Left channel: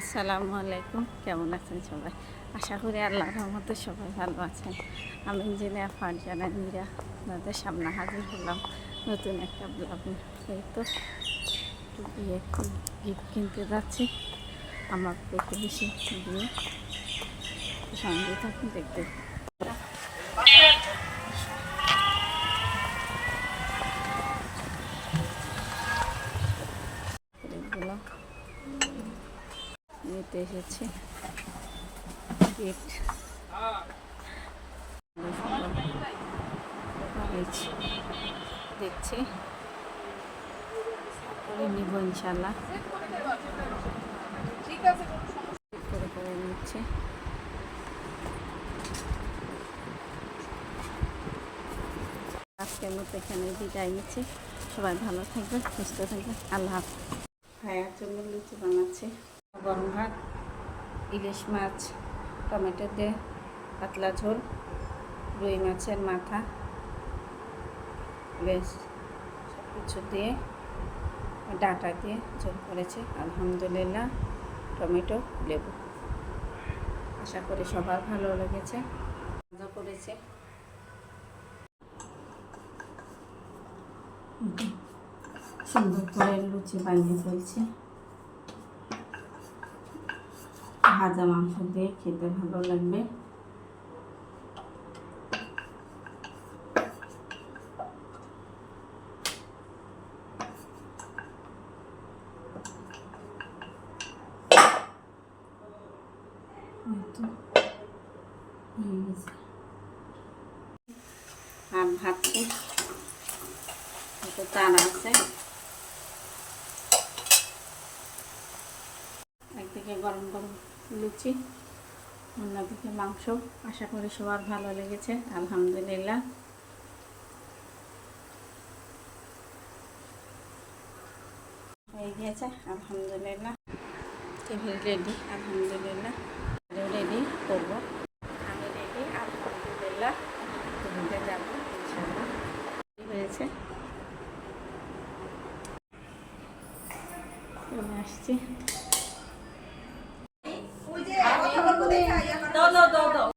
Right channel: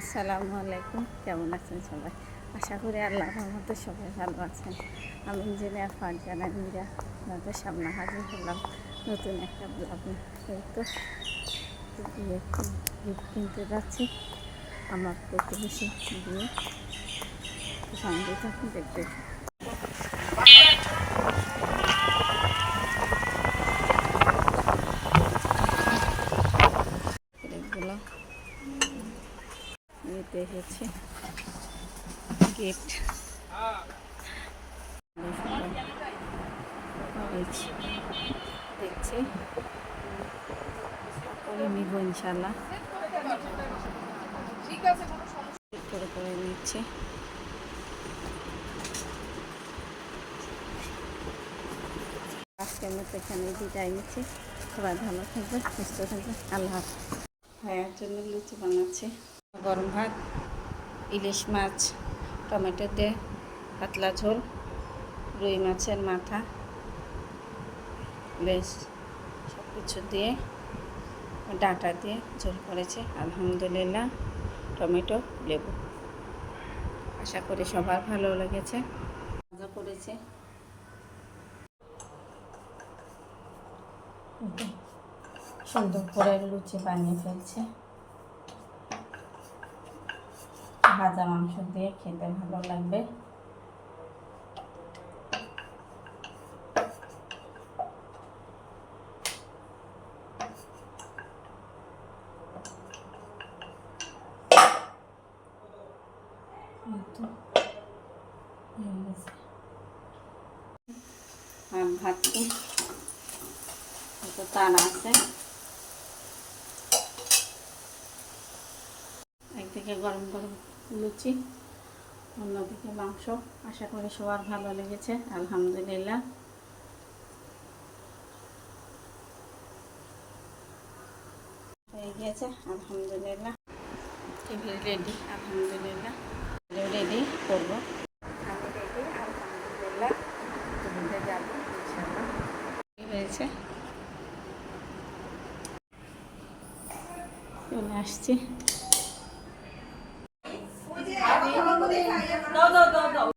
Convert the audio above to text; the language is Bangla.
আসসালামু আলাইকুম, কেমন আছেন সবাই? আশা করি আল্লাহর রহমতে সবাই ভালো আছেন। আমি ইঞ্জিনিয়ার ফারজানা মীরা আপনাদের সামনে হাজির হলাম নতুন একটা ব্লগ। এই তো বিয়ে গিফট কিনতে যাচ্ছি আমার প্রতিবেশী বিয়ে, সঙ্গে থাকুন দেখতে। এগুলো নিতে এসেছে গিফট, দেখছি তারপরে নিব ইনশাল্লাহ। করে নিচ্ছে। আজকের মতো এখানে বিদায় নিচ্ছে। সবাই ভালো থাকবে, সুস্থ থাকবে, আল্লাহ হাফেজ। ভাইয়ার জন্য লুচি বানাচ্ছে, গরম ভাত, ইলিশ মাছ, টমেটো দিয়ে পাতলা ঝোল, রুই মাছের মাথা, বেশ সব কিছু দিয়ে ডাঁটা দিয়ে ঝোল করেছে আলহামদুলিল্লাহ, টমেটো লেবু। আশা করি সবার ভালো লেগেছে। মজা করেছে। সুন্দর করে লুচি বানিয়ে ফেলছে। ভাজা মাংস দিয়ে খেতে ভালো লাগবে। আর ভাতটি তারা আছে, একদিকে গরম গরম লুচি, অন্যদিকে মাংস। আশা করি সবার ভালো লেগেছে আলহামদুলিল্লাহ। হয়ে গিয়েছে আলহামদুলিল্লাহ। টেবিল রেডি আলহামদুলিল্লাহ। রেডি করবো, আমি রেডি আলহামদুলিল্লাহ। টেবিলে যাবো ইনশাল্লাহ। হয়েছে, চলে আসছি।